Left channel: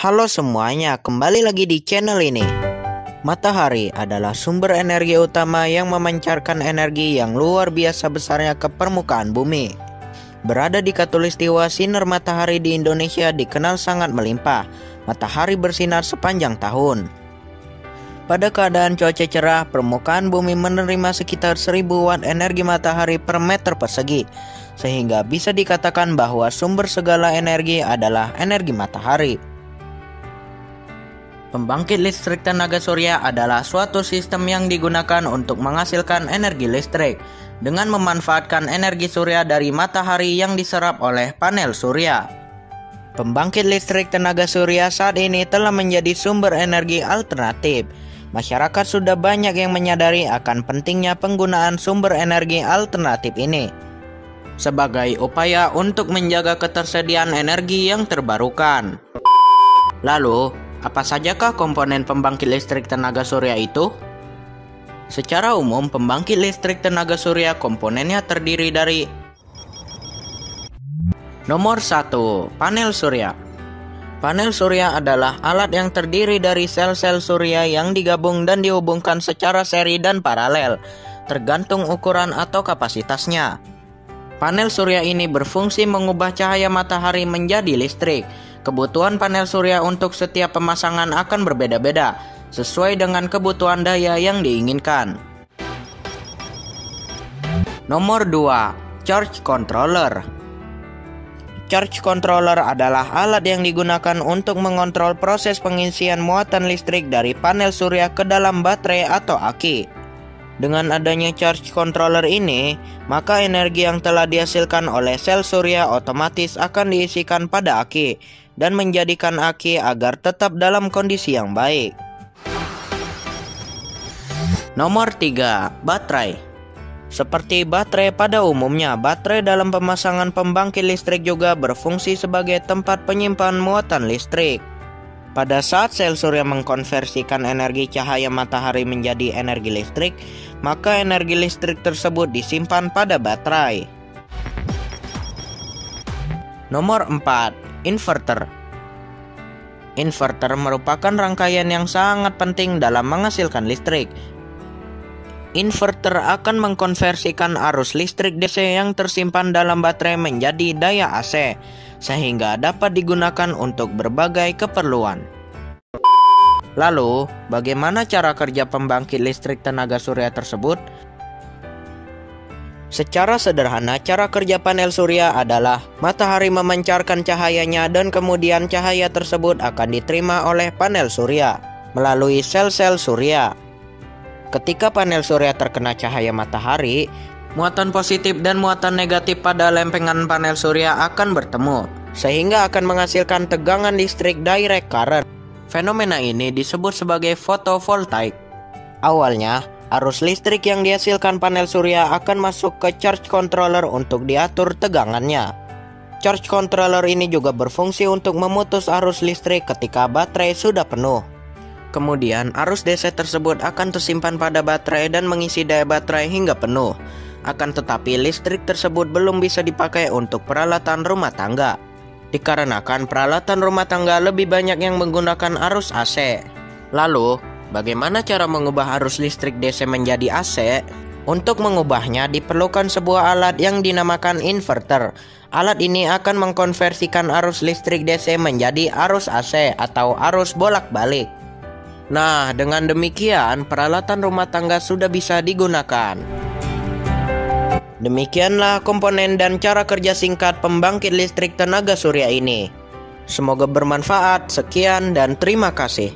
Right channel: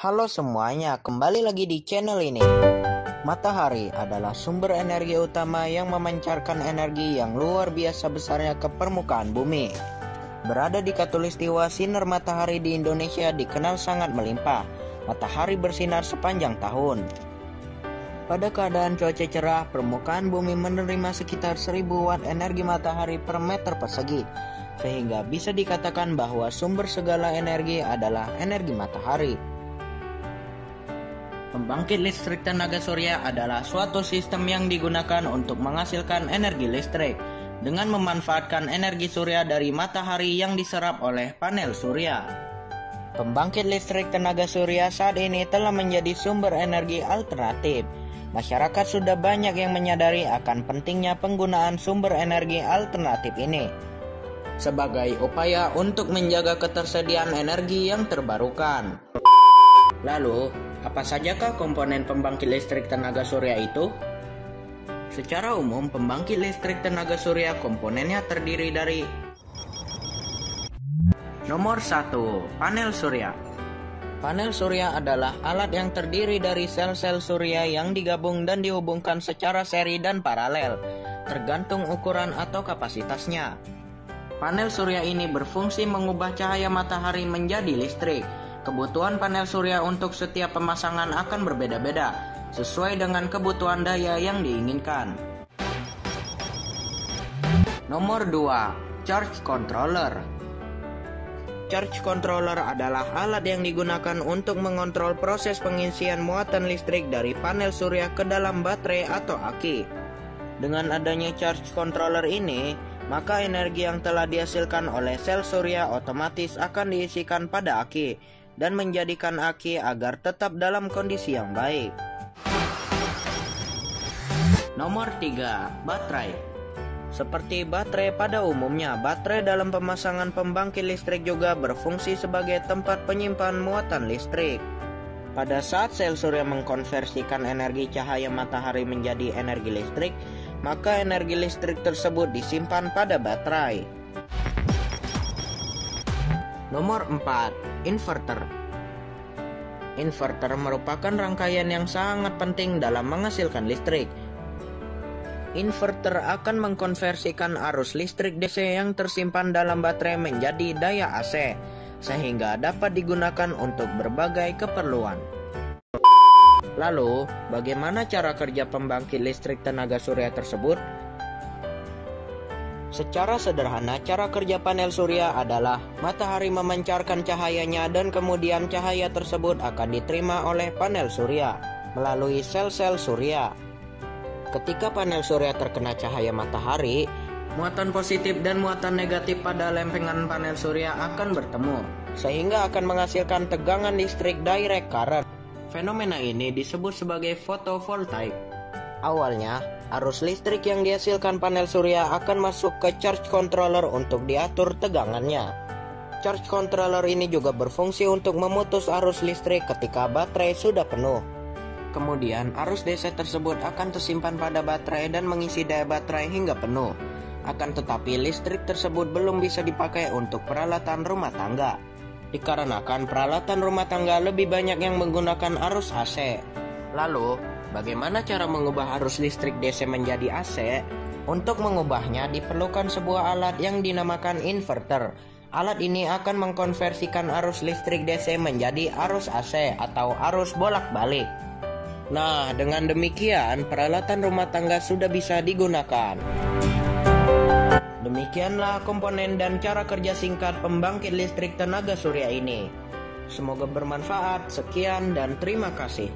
Halo semuanya, kembali lagi di channel ini. Matahari adalah sumber energi utama yang memancarkan energi yang luar biasa besarnya ke permukaan bumi. Berada di khatulistiwa, sinar matahari di Indonesia dikenal sangat melimpah. Matahari bersinar sepanjang tahun. Pada keadaan cuaca cerah, permukaan bumi menerima sekitar 1000 watt energi matahari per meter persegi, sehingga bisa dikatakan bahwa sumber segala energi adalah energi matahari. Pembangkit listrik tenaga surya adalah suatu sistem yang digunakan untuk menghasilkan energi listrik dengan memanfaatkan energi surya dari matahari yang diserap oleh panel surya. Pembangkit listrik tenaga surya saat ini telah menjadi sumber energi alternatif. Masyarakat sudah banyak yang menyadari akan pentingnya penggunaan sumber energi alternatif ini sebagai upaya untuk menjaga ketersediaan energi yang terbarukan. Lalu, apa sajakah komponen pembangkit listrik tenaga surya itu? Secara umum, pembangkit listrik tenaga surya komponennya terdiri dari: Nomor 1. Panel surya. Panel surya adalah alat yang terdiri dari sel-sel surya yang digabung dan dihubungkan secara seri dan paralel, tergantung ukuran atau kapasitasnya. Panel surya ini berfungsi mengubah cahaya matahari menjadi listrik. Kebutuhan panel surya untuk setiap pemasangan akan berbeda-beda, sesuai dengan kebutuhan daya yang diinginkan. Nomor 2. Charge controller. Charge controller adalah alat yang digunakan untuk mengontrol proses pengisian muatan listrik dari panel surya ke dalam baterai atau aki. Dengan adanya charge controller ini, maka energi yang telah dihasilkan oleh sel surya otomatis akan diisikan pada aki dan menjadikan aki agar tetap dalam kondisi yang baik. Nomor 3. Baterai. Seperti baterai pada umumnya, baterai dalam pemasangan pembangkit listrik juga berfungsi sebagai tempat penyimpan muatan listrik. Pada saat sel surya mengkonversikan energi cahaya matahari menjadi energi listrik, maka energi listrik tersebut disimpan pada baterai. Nomor 4. Inverter. Inverter merupakan rangkaian yang sangat penting dalam menghasilkan listrik. Inverter akan mengkonversikan arus listrik DC yang tersimpan dalam baterai menjadi daya AC, sehingga dapat digunakan untuk berbagai keperluan. Lalu, bagaimana cara kerja pembangkit listrik tenaga surya tersebut? Secara sederhana, cara kerja panel surya adalah matahari memancarkan cahayanya dan kemudian cahaya tersebut akan diterima oleh panel surya melalui sel-sel surya. Ketika panel surya terkena cahaya matahari, muatan positif dan muatan negatif pada lempengan panel surya akan bertemu, sehingga akan menghasilkan tegangan listrik direct current. Fenomena ini disebut sebagai fotovoltaik. Awalnya, arus listrik yang dihasilkan panel surya akan masuk ke charge controller untuk diatur tegangannya. Charge controller ini juga berfungsi untuk memutus arus listrik ketika baterai sudah penuh. Kemudian arus DC tersebut akan tersimpan pada baterai dan mengisi daya baterai hingga penuh. Akan tetapi listrik tersebut belum bisa dipakai untuk peralatan rumah tangga, dikarenakan peralatan rumah tangga lebih banyak yang menggunakan arus AC. Lalu, bagaimana cara mengubah arus listrik DC menjadi AC? Untuk mengubahnya diperlukan sebuah alat yang dinamakan inverter. Alat ini akan mengkonversikan arus listrik DC menjadi arus AC atau arus bolak-balik. Nah, dengan demikian peralatan rumah tangga sudah bisa digunakan. Demikianlah komponen dan cara kerja singkat pembangkit listrik tenaga surya ini. Semoga bermanfaat. Sekian dan terima kasih.